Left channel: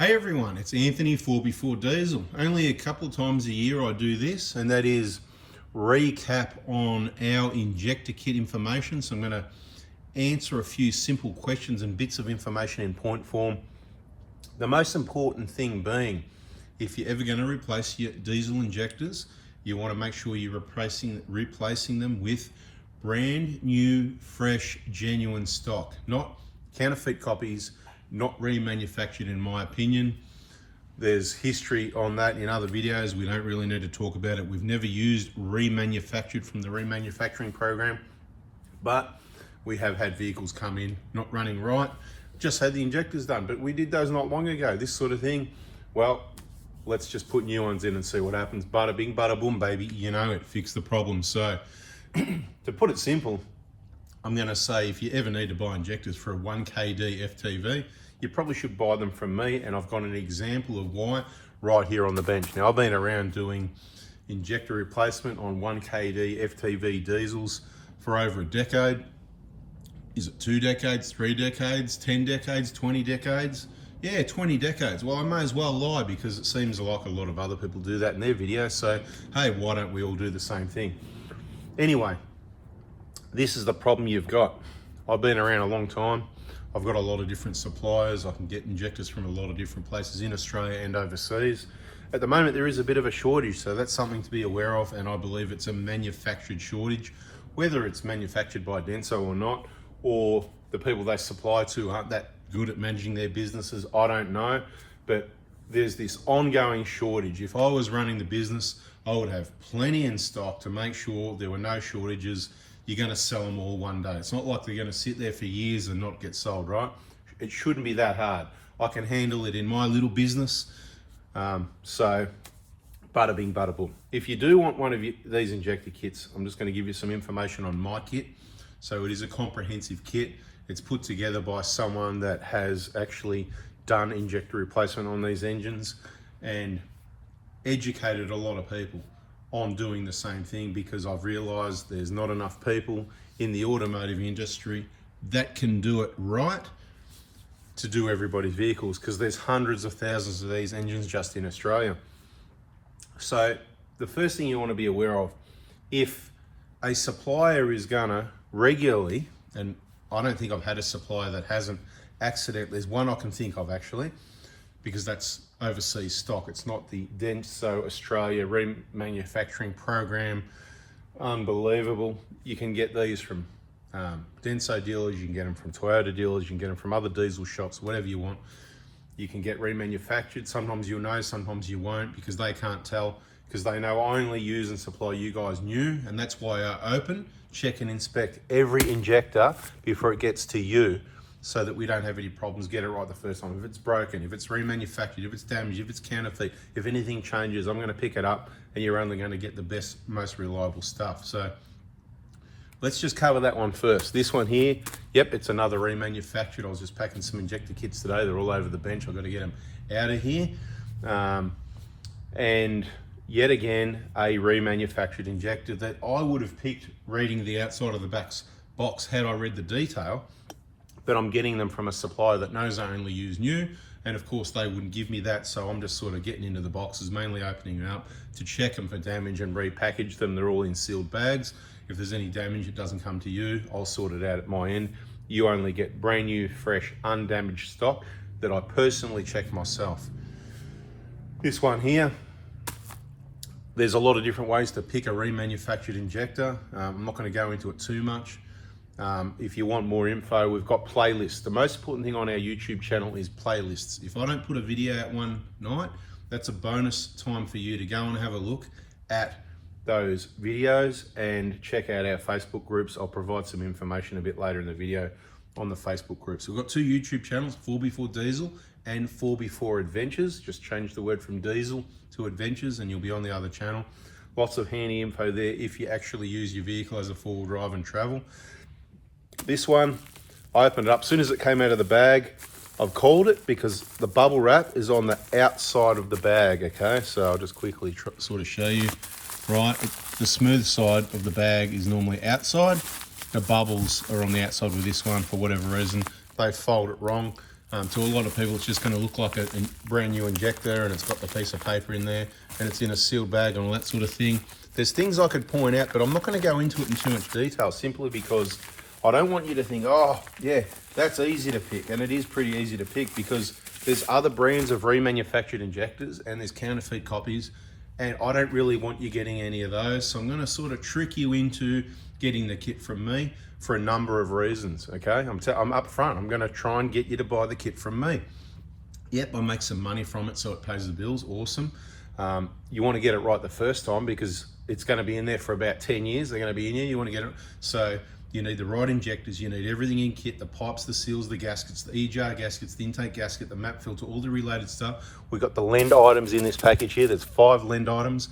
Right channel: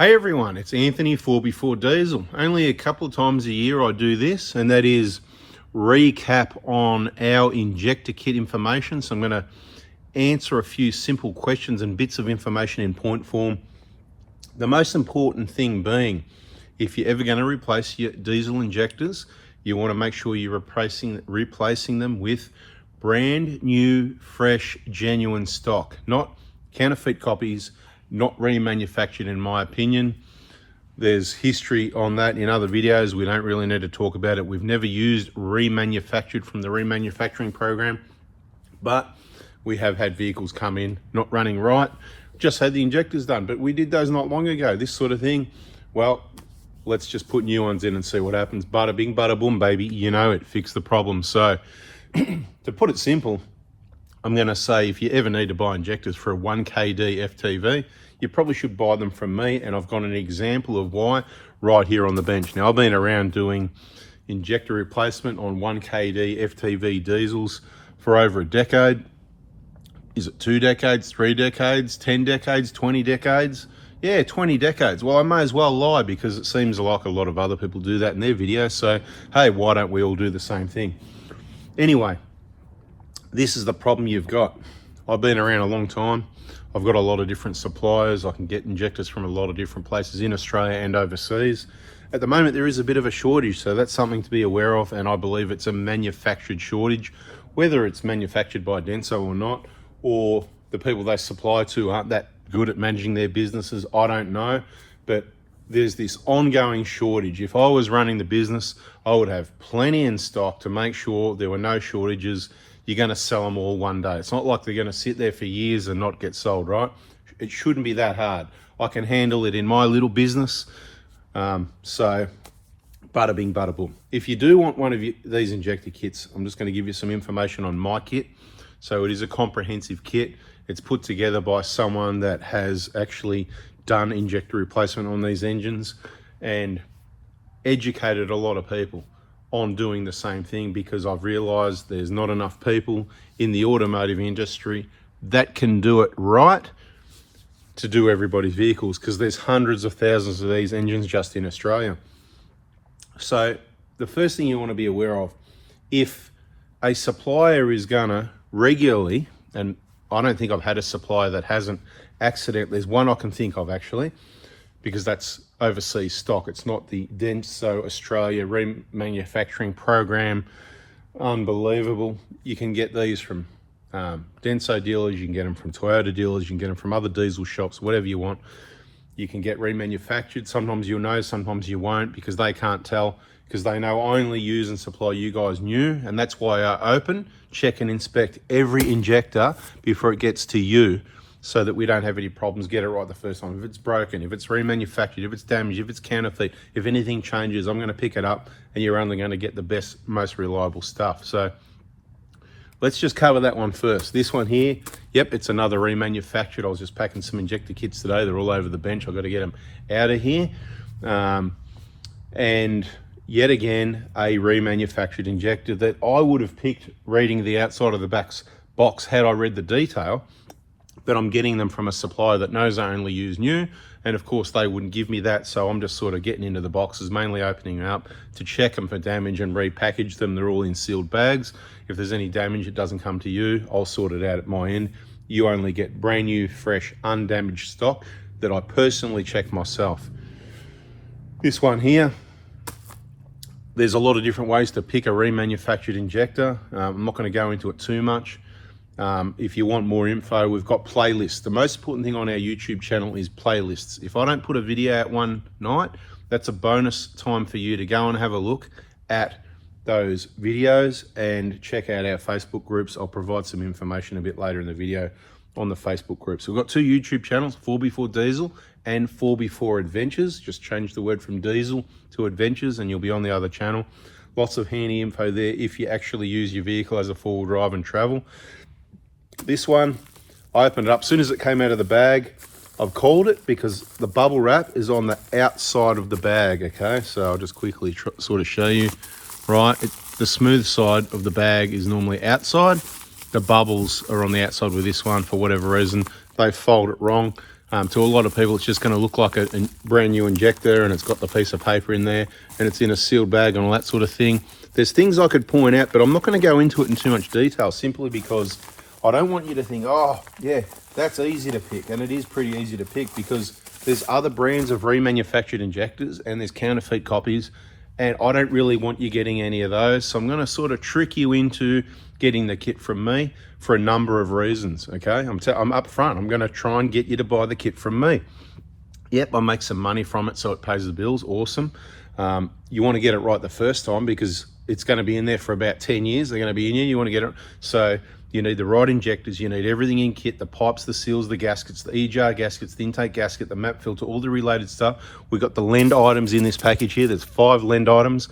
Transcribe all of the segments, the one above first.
Hey everyone, it's Anthony 4x4 Diesel. Only a couple of times a year I do this, and that is recap on our injector kit information. So I'm going to answer a few simple questions and bits of information in point form. The most important thing being, if you're ever going to replace your diesel injectors, you want to make sure you're replacing them with brand new, fresh, genuine stock, not counterfeit copies, not remanufactured in my opinion. There's history on that in other videos. We don't really need to talk about it. We've never used remanufactured from the remanufacturing program, but we have had vehicles come in not running right, just had the injectors done, but we did those not long ago. This sort of thing, well, let's just put new ones in and see what happens. Bada bing, bada boom, baby. You know it, fix the problem. So to put it simple, I'm going to say if you ever need to buy injectors for a 1kd FTV, you probably should buy them from me, and I've got an example of why right here on the bench. Now, I've been around doing injector replacement on 1kd FTV diesels for over a decade. Is it 2 decades, 3 decades, 10 decades, 20 decades? Yeah, 20 decades. Well, I may as well lie because it seems like a lot of other people do that in their videos. So, hey, why don't we all do the same thing? Anyway, this is the problem you've got. I've been around a long time. I've got a lot of different suppliers. I can get injectors from a lot of different places in Australia and overseas. At the moment, there is a bit of a shortage, so that's something to be aware of, and I believe it's a manufactured shortage. Whether it's manufactured by Denso or not, or the people they supply to aren't that good at managing their businesses, I don't know, but there's this ongoing shortage. If I was running the business, I would have plenty in stock to make sure there were no shortages. You're going to sell them all one day. It's not like they're going to sit there for years and not get sold, right? It shouldn't be that hard. I can handle it in my little business. So bada bing, bada boom. If you do want one of these injector kits, I'm just going to give you some information on my kit. So it is a comprehensive kit. It's put together by someone that has actually done injector replacement on these engines and educated a lot of people on doing the same thing, because I've realized there's not enough people in the automotive industry that can do it right to do everybody's vehicles, because there's hundreds of thousands of these engines just in Australia. So the first thing you want to be aware of, if a supplier is gonna regularly, and I don't think I've had a supplier that hasn't accidentally, there's one I can think of actually, because that's overseas stock. It's not the Denso Australia remanufacturing program. Unbelievable. You can get these from Denso dealers, you can get them from Toyota dealers, you can get them from other diesel shops, whatever you want. You can get remanufactured. Sometimes you'll know, sometimes you won't, because they can't tell, because they know I only use and supply you guys new, and that's why I open, check and inspect every injector before it gets to you, so that we don't have any problems, get it right the first time. If it's broken, if it's remanufactured, if it's damaged, if it's counterfeit, if anything changes, I'm gonna pick it up and you're only gonna get the best, most reliable stuff. So let's just cover that one first. This one here, yep, it's another remanufactured. I was just packing some injector kits today. They're all over the bench. I've got to get them out of here. And yet again, a remanufactured injector that I would have picked reading the outside of the box had I read the detail. But I'm getting them from a supplier that knows I only use new, and of course they wouldn't give me that, so I'm just sort of getting into the boxes, mainly opening them up to check them for damage and repackage them. They're all in sealed bags. If there's any damage, it doesn't come to you. I'll sort it out at my end. You only get brand new, fresh, undamaged stock that I personally check myself. This one here, there's a lot of different ways to pick a remanufactured injector. I'm not going to go into it too much. If you want more info, we've got playlists. The most important thing on our YouTube channel is playlists. If I don't put a video out one night, that's a bonus time for you to go and have a look at those videos and check out our Facebook groups. I'll provide some information a bit later in the video on the Facebook groups. We've got 2 YouTube channels, 4x4 Diesel and 4x4 Adventures. Just change the word from diesel to adventures and you'll be on the other channel. Lots of handy info there if you actually use your vehicle as a 4-wheel drive and travel. This one, I opened it up. As soon as it came out of the bag, I've called it because the bubble wrap is on the outside of the bag, okay? So I'll just quickly sort of show you. Right, the smooth side of the bag is normally outside. The bubbles are on the outside with this one for whatever reason. They fold it wrong. To a lot of people, it's just going to look like a brand new injector, and it's got the piece of paper in there, and it's in a sealed bag and all that sort of thing. There's things I could point out, but I'm not going to go into it in too much detail, simply because I don't want you to think, oh, yeah, that's easy to pick. And it is pretty easy to pick, because there's other brands of remanufactured injectors and there's counterfeit copies, and I don't really want you getting any of those. So I'm going to sort of trick you into getting the kit from me for a number of reasons, okay? I'm up front. I'm going to try and get you to buy the kit from me. Yep, I make some money from it, so it pays the bills. Awesome. You want to get it right the first time, because it's going to be in there for about 10 years. They're going to be in here. You want to get it. So you need the right injectors. You need everything in kit: the pipes, the seals, the gaskets, the E-jar gaskets, the intake gasket, the map filter, all the related stuff. We've got the lend items in this package here. There's 5 lend items.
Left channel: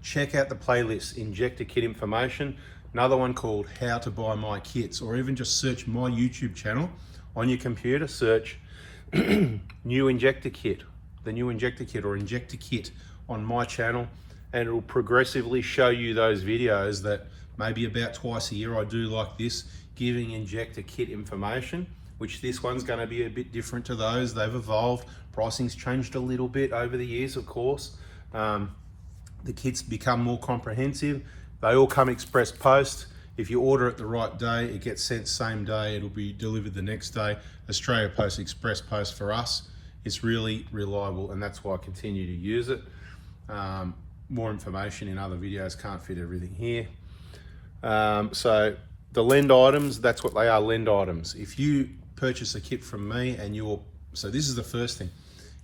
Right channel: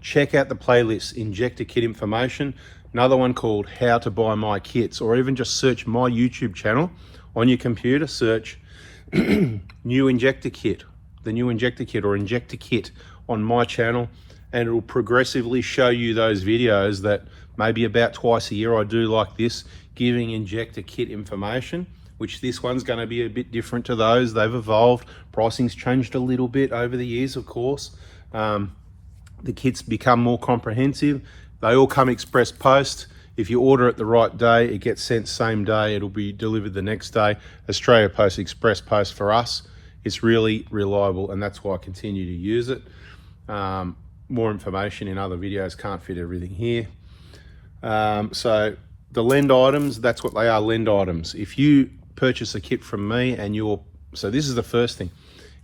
Check out the playlist, Injector Kit Information. Another one called How to Buy My Kits, or even just search my YouTube channel on your computer. Search New Injector Kit, the New Injector Kit, or Injector Kit on my channel, and it will progressively show you those videos that maybe about twice a year I do like this, giving injector kit information, which this one's going to be a bit different to those. They've evolved. Pricing's changed a little bit over the years, of course. The kits become more comprehensive. They all come express post. If you order it the right day, it gets sent same day. It'll be delivered the next day. Australia Post Express Post for us, it's really reliable, and that's why I continue to use it. More information in other videos, can't fit everything here. So the lend items, that's what they are, lend items. If you purchase a kit from me and so this is the first thing.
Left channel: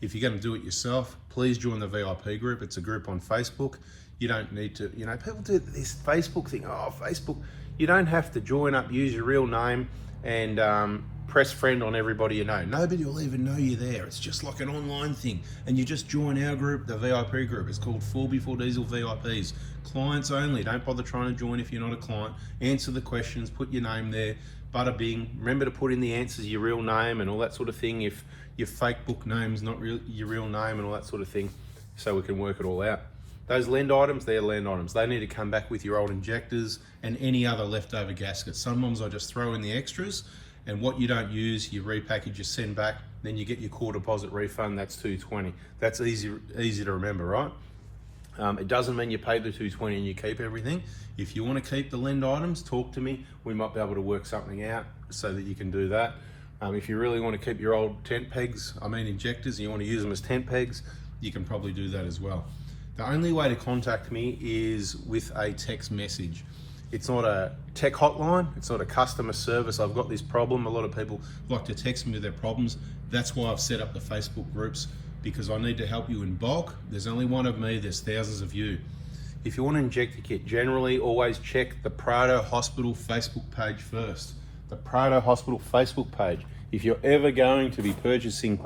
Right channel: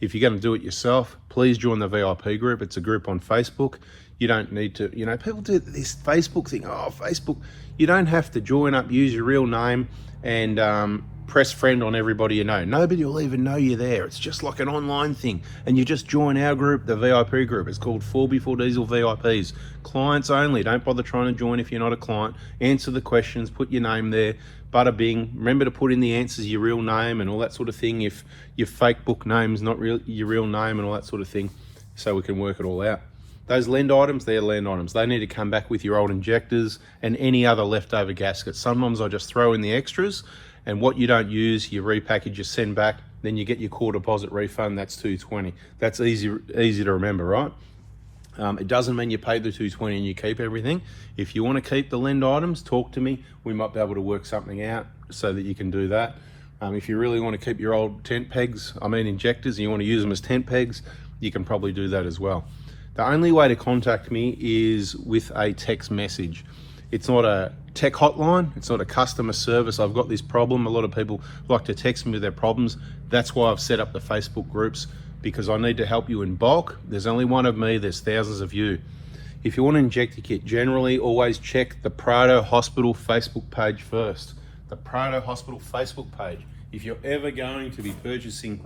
If you're going to do it yourself, please join the VIP group. It's a group on Facebook. You don't need to, people do this Facebook thing. Oh, Facebook, you don't have to join up, use your real name and press friend on everybody you know. Nobody will even know you're there. It's just like an online thing. And you just join our group, the VIP group. It's called 4x4 Diesel VIPs. Clients only. Don't bother trying to join if you're not a client. Answer the questions, put your name there. Bada bing. Remember to put in the answers your real name and all that sort of thing. If your fake book name's not your real name and all that sort of thing, so we can work it all out. Those lend items, they're lend items. They need to come back with your old injectors and any other leftover gaskets. Sometimes I just throw in the extras, and what you don't use, you repackage, you send back, then you get your core deposit refund. That's $220. That's easy to remember, right? It doesn't mean you pay the $220 and you keep everything. If you want to keep the lend items, talk to me. We might be able to work something out so that you can do that. If you really want to keep your old tent pegs, injectors, and you want to use them as tent pegs, you can probably do that as well. The only way to contact me is with a text message. It's not a tech hotline. It's not a customer service. I've got this problem. A lot of people like to text me with their problems. That's why I've set up the Facebook groups, because I need to help you in bulk. There's only one of me. There's thousands of you. If you want to inject a kit, generally always check the Prado Hospital Facebook page first. The Prado Hospital Facebook page. If you're ever going to be purchasing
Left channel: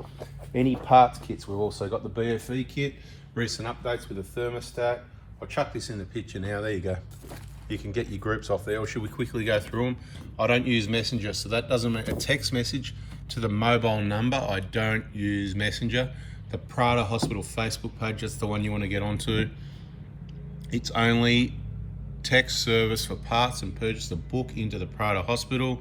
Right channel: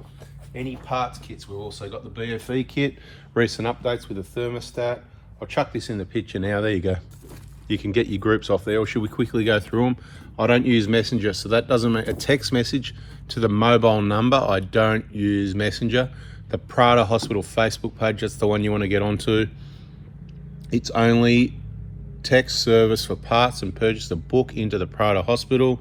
any parts kits, we've also got the BFE kit, recent updates with the thermostat. I'll chuck this in the picture now. There you go. You can get your groups off there, or should we quickly go through them? I don't use Messenger, so that doesn't make a text message to the mobile number. I don't use Messenger. The Prado Hospital Facebook page, that's the one you want to get onto. It's only text service for parts and purchase a book into the Prado Hospital.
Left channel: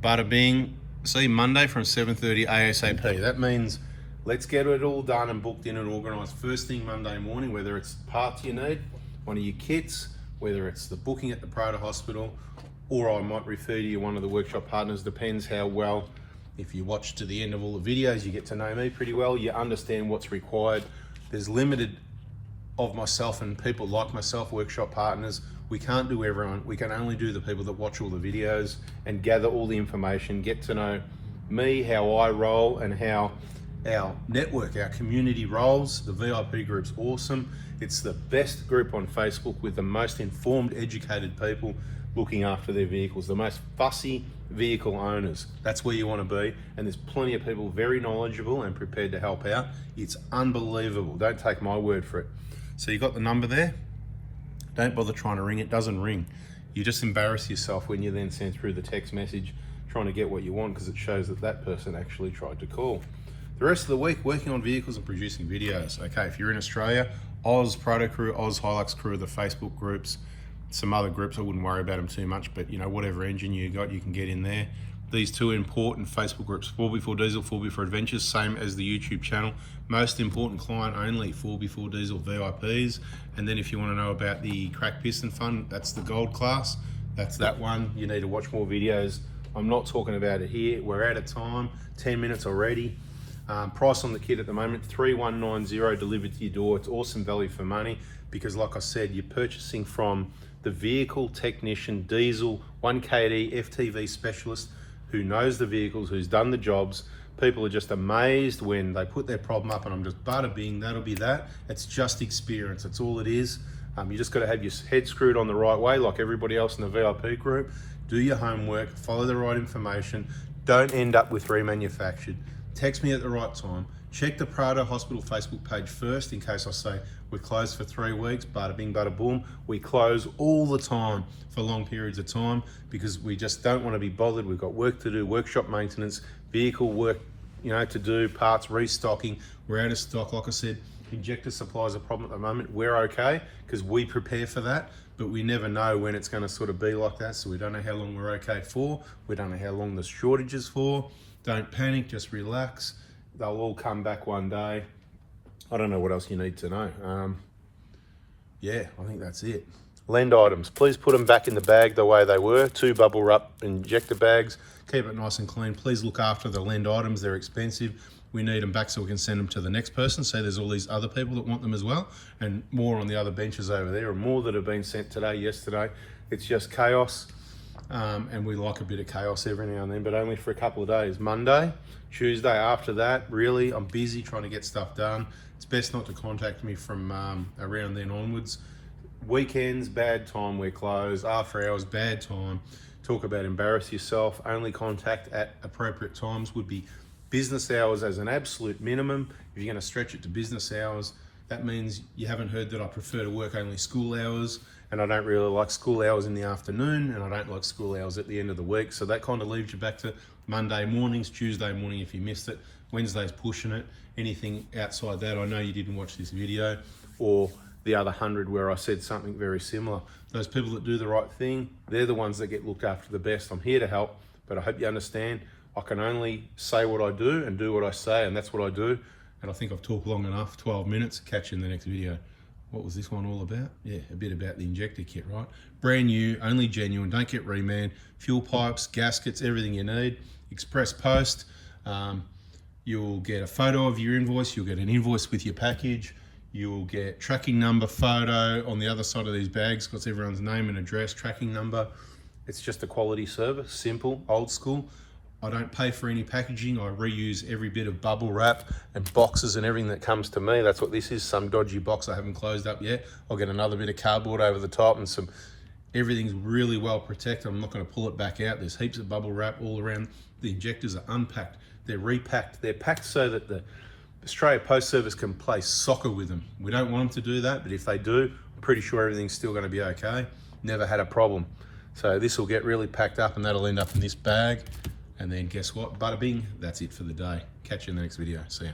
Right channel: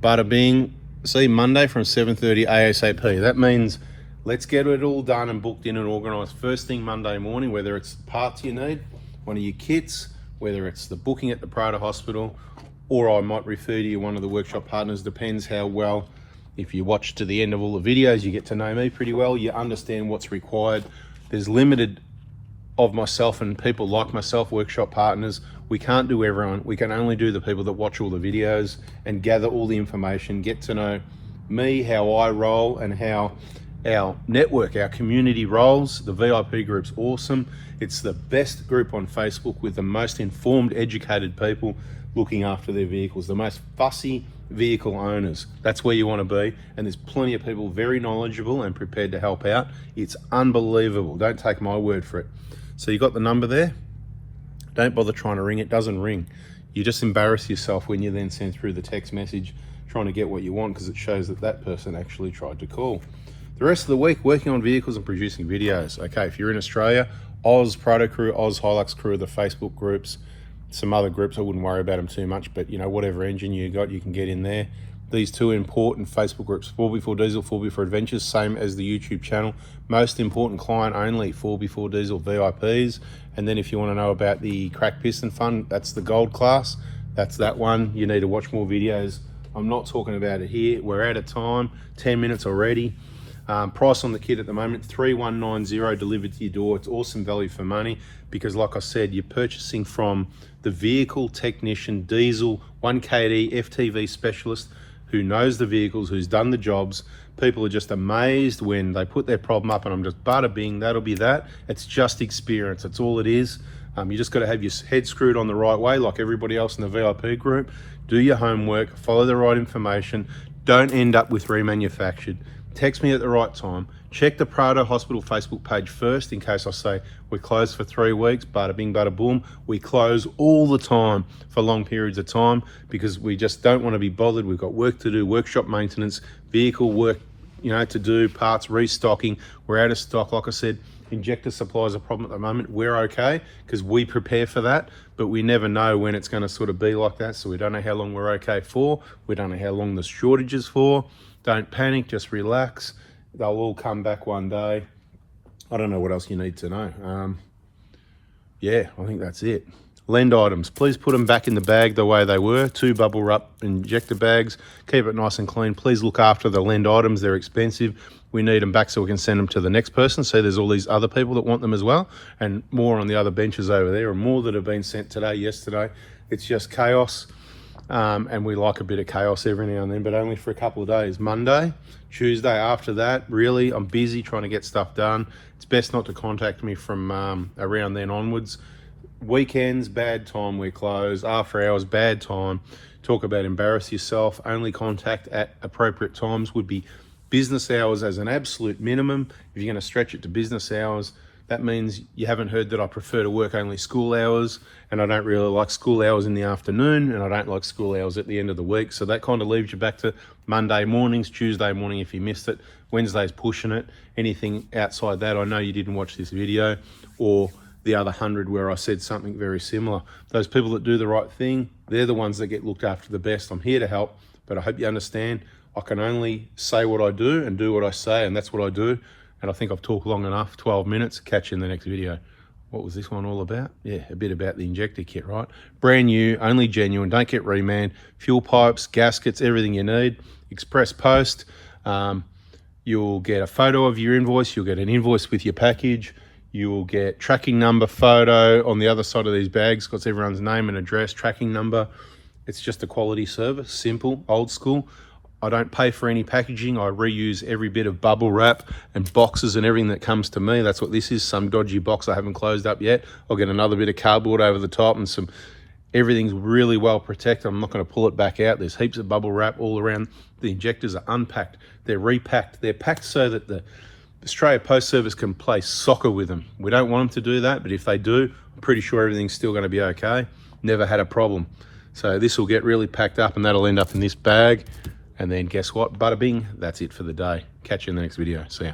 Bada bing. See, Monday from 7:30 ASAP. That means let's get it all done and booked in and organised first thing Monday morning, whether it's parts you need, one of your kits, whether it's the booking at the Prado Hospital, or I might refer to you one of the workshop partners. Depends how well, if you watch to the end of all the videos, you get to know me pretty well, you understand what's required. There's limited of myself and people like myself, workshop partners. We can't do everyone. We can only do the people that watch all the videos and gather all the information, get to know me, how I roll, and how our network, our community rolls. The VIP group's awesome. It's the best group on Facebook with the most informed, educated people looking after their vehicles, the most fussy vehicle owners. That's where you want to be. And there's plenty of people very knowledgeable and prepared to help out. It's unbelievable. Don't take my word for it. So you got the number there? Don't bother trying to ring it. It doesn't ring. You just embarrass yourself when you then send through the text message trying to get what you want, because it shows that that person actually tried to call. The rest of the week, working on vehicles and producing videos. Okay, if you're in Australia, Oz Proto Crew, Oz Hilux Crew, the Facebook groups, some other groups, I wouldn't worry about them too much, but whatever engine you got, you can get in there. these two important Facebook groups, 4x4 Diesel, 4x4 Adventures, same as the YouTube channel. Most important client only, 4x4 Diesel VIPs. And then if you want to know about the crack piston fund, that's the gold class. That's that one. You need to watch more videos. I'm not talking about it here. We're out of time, 10 minutes already. Price on the kit at the moment, 3190 delivered to your door. It's awesome value for money because, like I said, you're purchasing from the vehicle technician, diesel, 1KD, FTV specialist who knows the vehicles, who's done the jobs. People are just amazed when they put their problem up and I'm just bada bing, that'll be that. It's just experience, that's all it is. You just got to have your head screwed on the right way like everybody else in the VIP group. Do your homework, follow the right information. Don't end up with remanufactured. Text me at the right time. Check the Prado Hospital Facebook page first in case I say we're closed for 3 weeks, bada bing, bada boom. We close all the time for long periods of time because we just don't want to be bothered. We've got work to do, workshop maintenance, vehicle work, to do, parts restocking. We're out of stock. Like I said, injector supply is a problem at the moment. We're okay because we prepare for that, but we never know when it's going to sort of be like that. So we don't know how long we're okay for. We don't know how long the shortage is for. Don't panic, just relax. They'll all come back one day. I don't know what else you need to know. Yeah, I think that's it. Lend items, please put them back in the bag the way they were. 2 bubble wrap injector bags. Keep it nice and clean. Please look after the lend items. They're expensive. We need them back so we can send them to the next person. So there's all these other people that want them as well, and more on the other benches over there, and more that have been sent today, yesterday. It's just chaos. And we like a bit of chaos every now and then, but only for a couple of days. Monday, Tuesday, after that, really, I'm busy trying to get stuff done. It's best not to contact me from around then onwards. Weekends, bad time, we're closed. After hours, bad time. Talk about embarrass yourself. Only contact at appropriate times would be business hours as an absolute minimum. If you're going to stretch it to business hours, that means you haven't heard that I prefer to work only school hours, and I don't really like school hours in the afternoon, and I don't like school hours at the end of the week. So that kind of leaves you back to Monday mornings, Tuesday morning if you missed it, Wednesday's pushing it. Anything outside that, I know you didn't watch this video, or the other 100 where I said something very similar. Those people that do the right thing, they're the ones that get looked after the best. I'm here to help, but I hope you understand I can only say what I do and do what I say, and that's what I do. And I think I've talked long enough, 12 minutes. Catch you in the next video. What was this one all about? Yeah, a bit about the injector kit, right? Brand new, only genuine, don't get reman. Fuel pipes, gaskets, everything you need. Express post. You'll get a photo of your invoice. You'll get an invoice with your package. You'll get tracking number photo on the other side of these bags. Got everyone's name and address, tracking number. It's just a quality service, simple, old school. I don't pay for any packaging. I reuse every bit of bubble wrap and boxes and everything that comes to me. That's what this is, some dodgy box I haven't closed up yet. I'll get another bit of cardboard over the top and everything's really well protected. I'm not going to pull it back out. There's heaps of bubble wrap all around. The injectors are unpacked. They're repacked. They're packed so that the Australia Post Service can play soccer with them. We don't want them to do that, but if they do, I'm pretty sure everything's still going to be okay. Never had a problem. So this will get really packed up and that'll end up in this bag. And then guess what? Bada bing, that's it for the day. Catch you in the next video. See ya.